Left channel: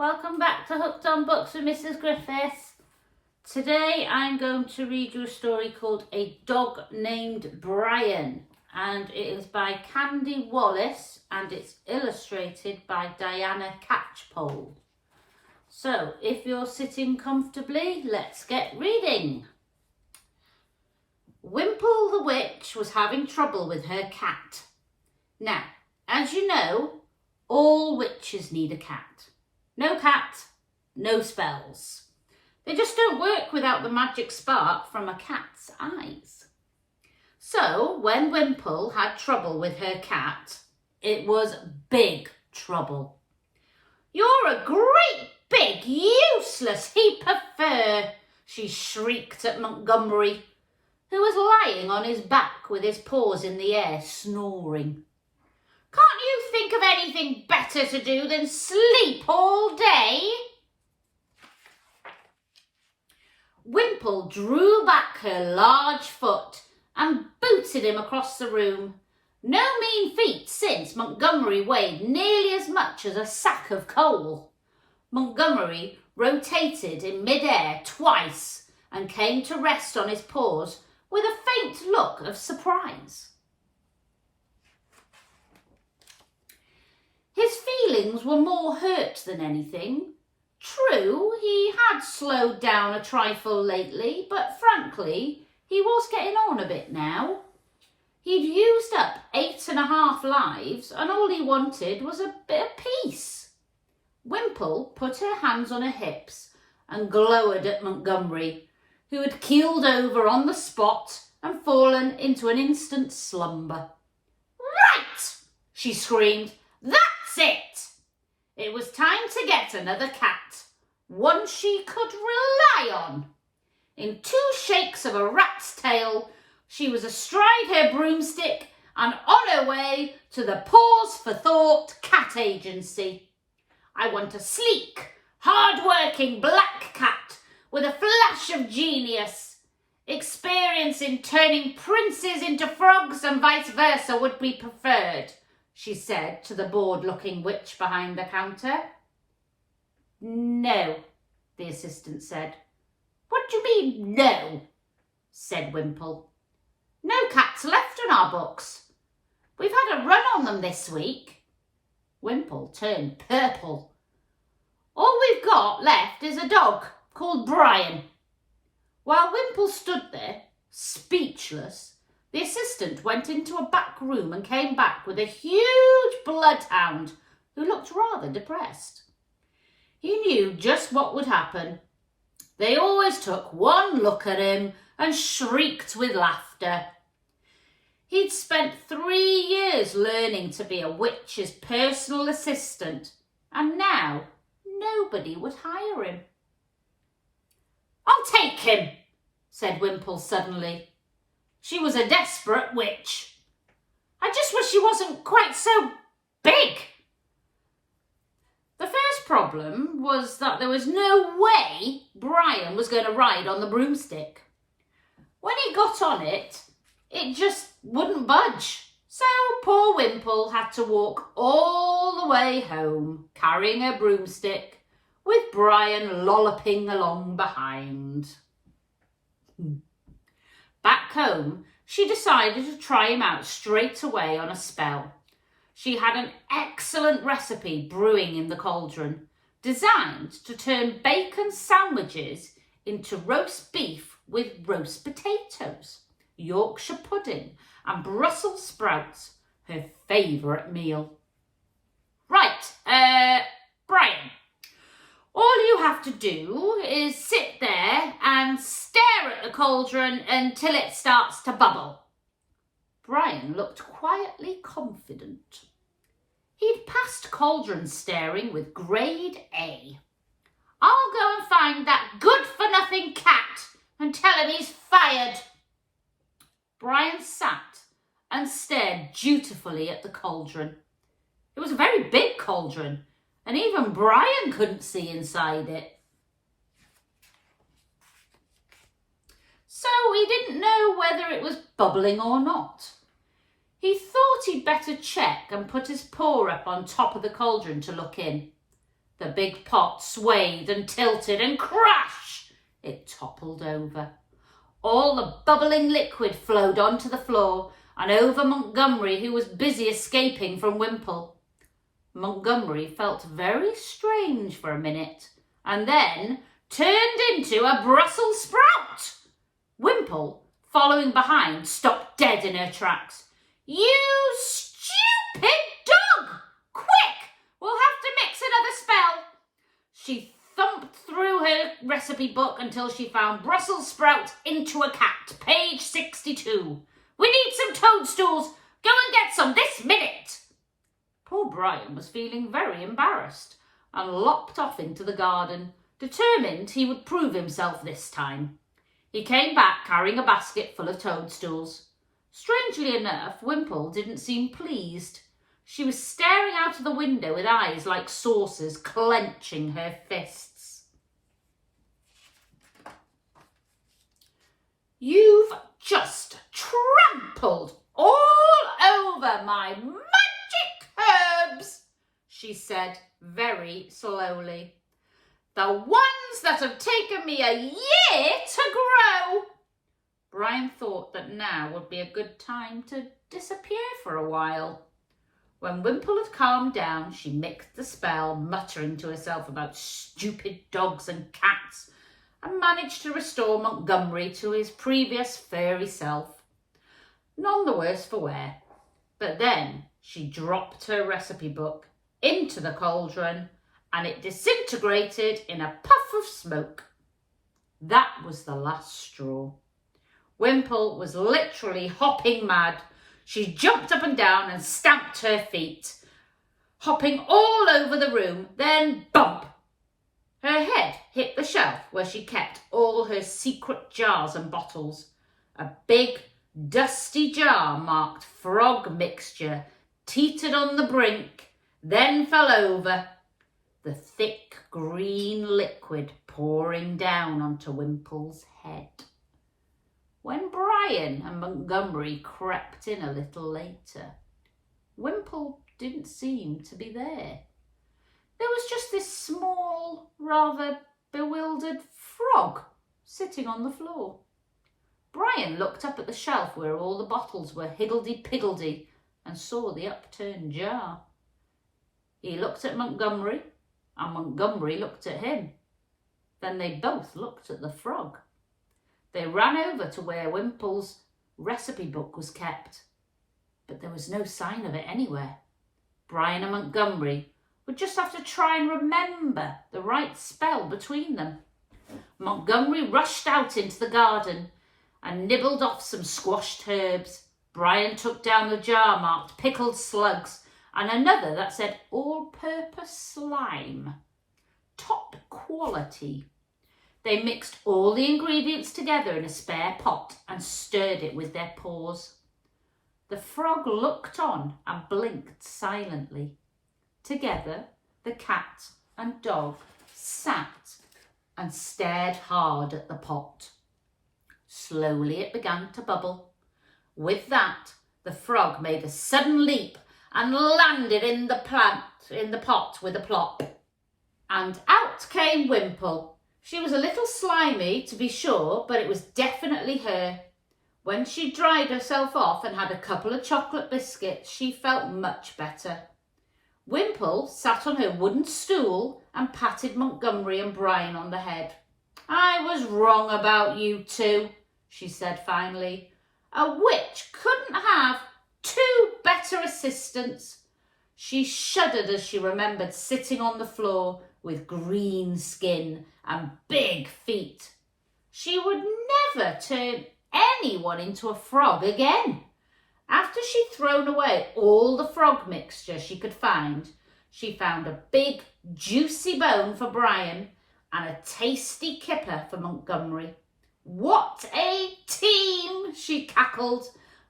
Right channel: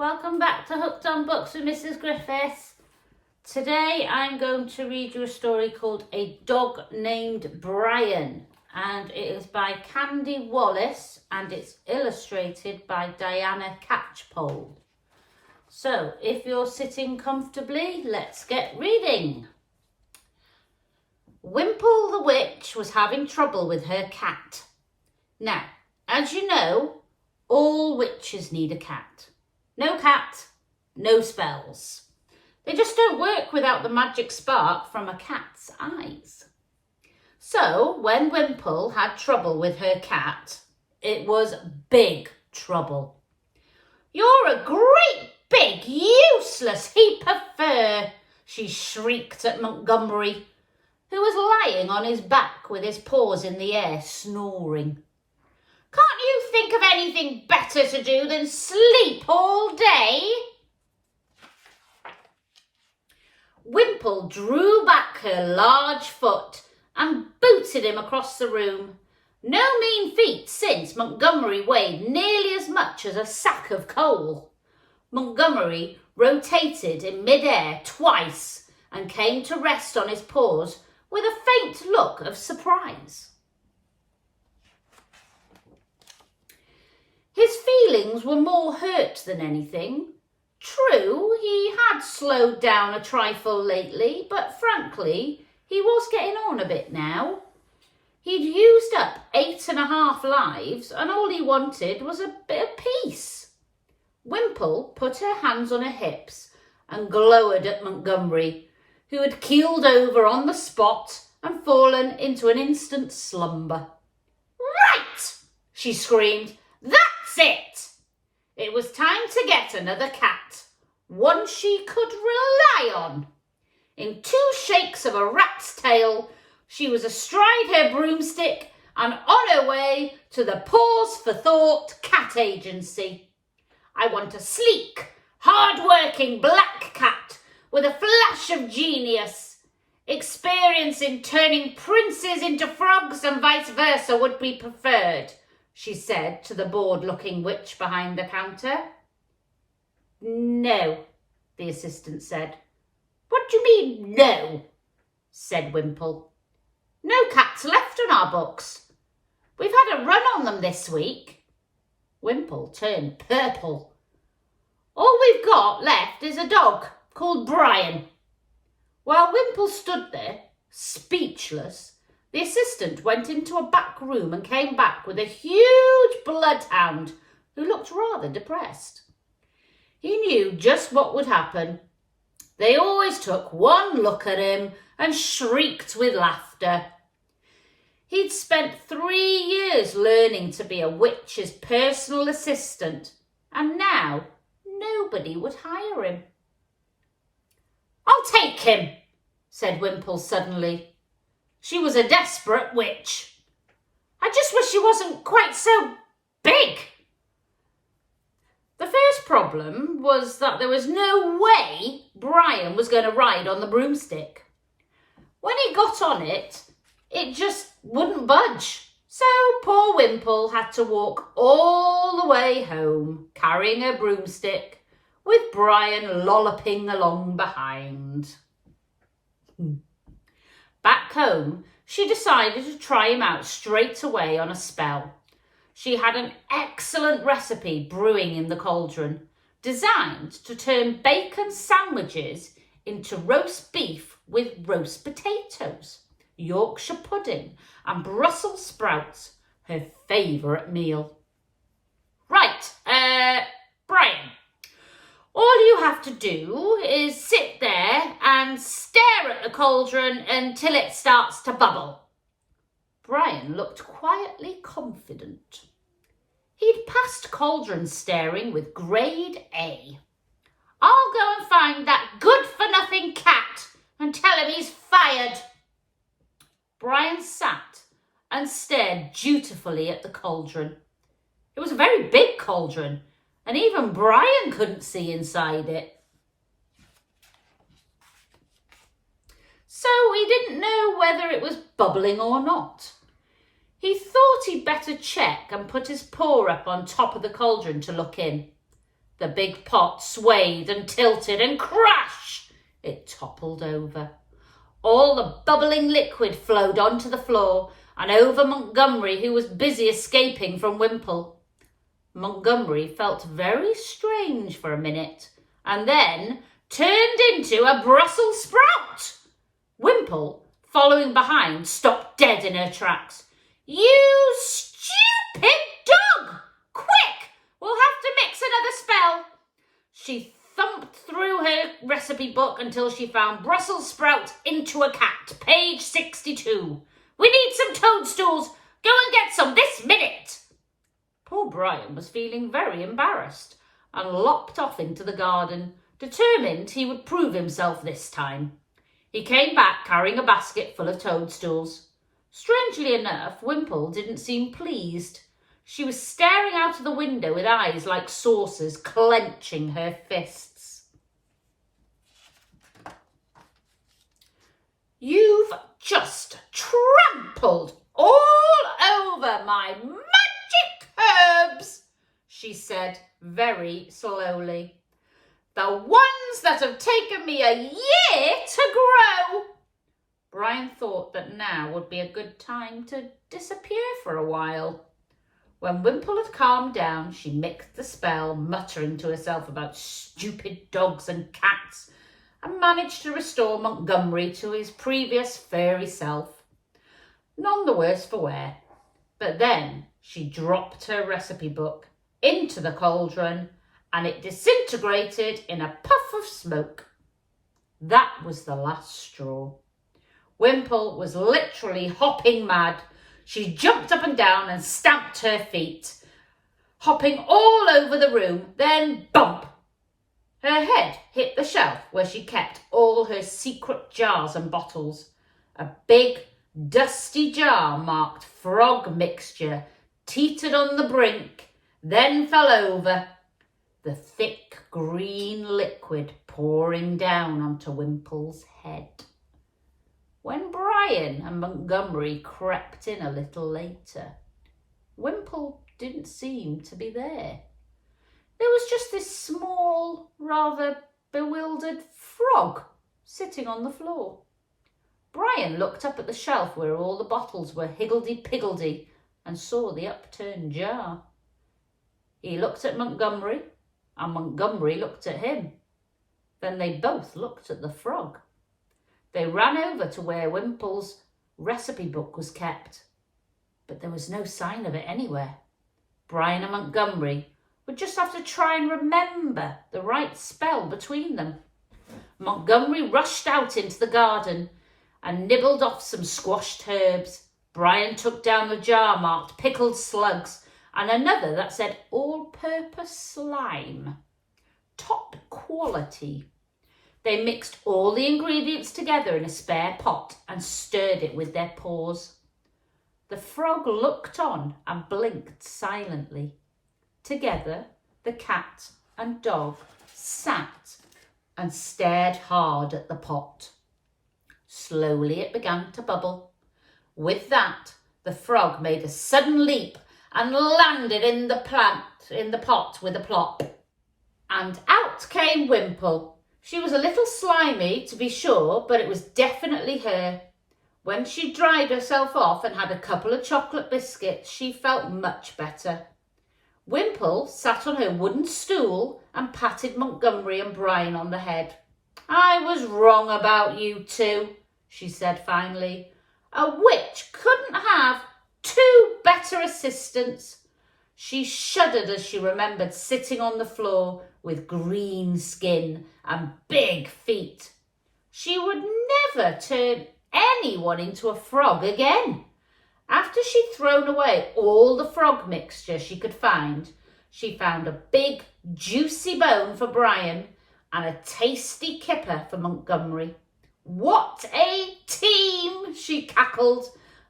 welcome back to Hooked on Books with Mrs Griffiths. Today I'm going to read you a story called A Dog Named Brian, and it is by Candy Wallace and it's illustrated by Diana Catchpole. So if you're sitting comfortably, let's get reading. Wimple the witch was having trouble with her cat. Now, as you know, all witches need a cat. No cat, no spells. They just don't work without the magic spark from a cat's eyes. So when Wimple had trouble with her cat, it was big trouble. "You're a great big useless heap of fur," she shrieked at Montgomery, who was lying on his back with his paws in the air, snoring. "Can't you think of anything better to do than sleep all day?" Wimple drew back her large foot and booted him across the room. No mean feat, since Montgomery weighed nearly as much as a sack of coal. Montgomery rotated in mid-air twice and came to rest on his paws with a faint look of surprise. His feelings were more hurt than anything. True, he had slowed down a trifle lately, but frankly, he was getting on a bit now. He'd used up 8.5 lives, and all he wanted was a bit of peace. Wimple put her hands on her hips and glowered at Montgomery, who had keeled over on the spot and fallen into an instant slumber. "Right!" she screamed. "That's it! It was time to get another cat, one she could rely on." In 2 shakes of a rat's tail, she was astride her broomstick and on her way to the Pause for Thought Cat Agency. "I want a sleek, hard-working black cat with a flash of genius. Experience in turning princes into frogs and vice versa would be preferred," she said to the bored-looking witch behind the counter. "No," the assistant said. "What do you mean, no?" said Wimple. "No cats left on our books. We've had a run on them this week." Wimple turned purple. "All we've got left is a dog called Brian." While Wimple stood there, speechless, the assistant went into a back room and came back with a huge bloodhound who looked rather depressed. He knew just what would happen. They always took one look at him and shrieked with laughter. He'd spent 3 years learning to be a witch's personal assistant, and now nobody would hire him. "I'll take him," said Wimple suddenly. She was a desperate witch. "I just wish he wasn't quite so big." The first problem was that there was no way Brian was going to ride on the broomstick. When he got on it, it just wouldn't budge. So poor Wimple had to walk all the way home, carrying her broomstick, with Brian lolloping along behind. Back home, she decided to try him out straight away on a spell. She had an excellent recipe brewing in the cauldron, designed to turn bacon sandwiches into roast beef with roast potatoes, Yorkshire pudding and Brussels sprouts, her favourite meal. "Right, Brian, all you have to do is sit there and stare at the cauldron until it starts to bubble." Brian looked quietly confident. He'd passed cauldron staring with grade A. "I'll go and find that good-for-nothing cat and tell him he's fired." Brian sat and stared dutifully at the cauldron. It was a very big cauldron, and even Brian couldn't see inside it. So he didn't know whether it was bubbling or not. He thought he'd better check and put his paw up on top of the cauldron to look in. The big pot swayed and tilted, and crash! It toppled over. All the bubbling liquid flowed onto the floor and over Montgomery, who was busy escaping from Wimple. Montgomery felt very strange for a minute and then turned into a Brussels sprout. Wimple, following behind, stopped dead in her tracks. "You stupid dog! Quick! We'll have to mix another spell." She thumped through her recipe book until she found Brussels sprout into a cat, page 62. "We need some toadstools. Go and get some this minute." Poor Brian was feeling very embarrassed and lopped off into the garden, determined he would prove himself this time. He came back carrying a basket full of toadstools. Strangely enough, Wimple didn't seem pleased. She was staring out of the window with eyes like saucers, clenching her fists. "You've just trampled all over my magic herbs," she said very slowly. "The ones that have taken me a year to grow." Brian thought that now would be a good time to disappear for a while. When Wimple had calmed down, she mixed the spell, muttering to herself about stupid dogs and cats, and managed to restore Montgomery to his previous furry self. None the worse for wear. But then she dropped her recipe book into the cauldron and it disintegrated in a puff of smoke. That was the last straw. Wimple was literally hopping mad. She jumped up and down and stamped her feet, hopping all over the room, then bump! Her head hit the shelf where she kept all her secret jars and bottles. A big, dusty jar marked frog mixture teetered on the brink, then fell over, the thick green liquid pouring down onto Wimple's head. When Brian and Montgomery crept in a little later, Wimple didn't seem to be there. There was just this small, rather bewildered frog sitting on the floor. Brian looked up at the shelf where all the bottles were higgledy-piggledy and saw the upturned jar. He looked at Montgomery and Montgomery looked at him. Then they both looked at the frog. They ran over to where Wimple's recipe book was kept, but there was no sign of it anywhere. Brian and Montgomery would just have to try and remember the right spell between them. Montgomery rushed out into the garden and nibbled off some squashed herbs. Brian took down the jar marked pickled slugs and another that said all-purpose slime. Top quality. They mixed all the ingredients together in a spare pot and stirred it with their paws. The frog looked on and blinked silently. Together, the cat and dog sat and stared hard at the pot. Slowly it began to bubble. With that, the frog made a sudden leap and landed in the pot with a plop. And out came Wimple. She was a little slimy, to be sure, but it was definitely her. When she dried herself off and had a couple of chocolate biscuits, she felt much better. Wimple sat on her wooden stool and patted Montgomery and Brian on the head. "I was wrong about you two," she said finally. "A witch couldn't have two better assistants." She shuddered as she remembered sitting on the floor with green skin and big feet. She would never turn anyone into a frog again. After she'd thrown away all the frog mixture she could find, she found a big, juicy bone for Brian and a tasty kipper for Montgomery. "What a team!" she cackled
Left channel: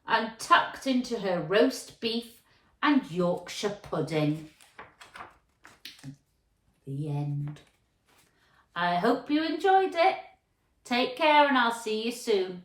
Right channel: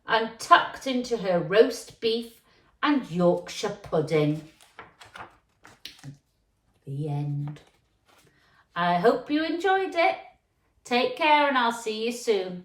and tucked into her roast beef and Yorkshire pudding. The end. I hope you enjoyed it. Take care and I'll see you soon.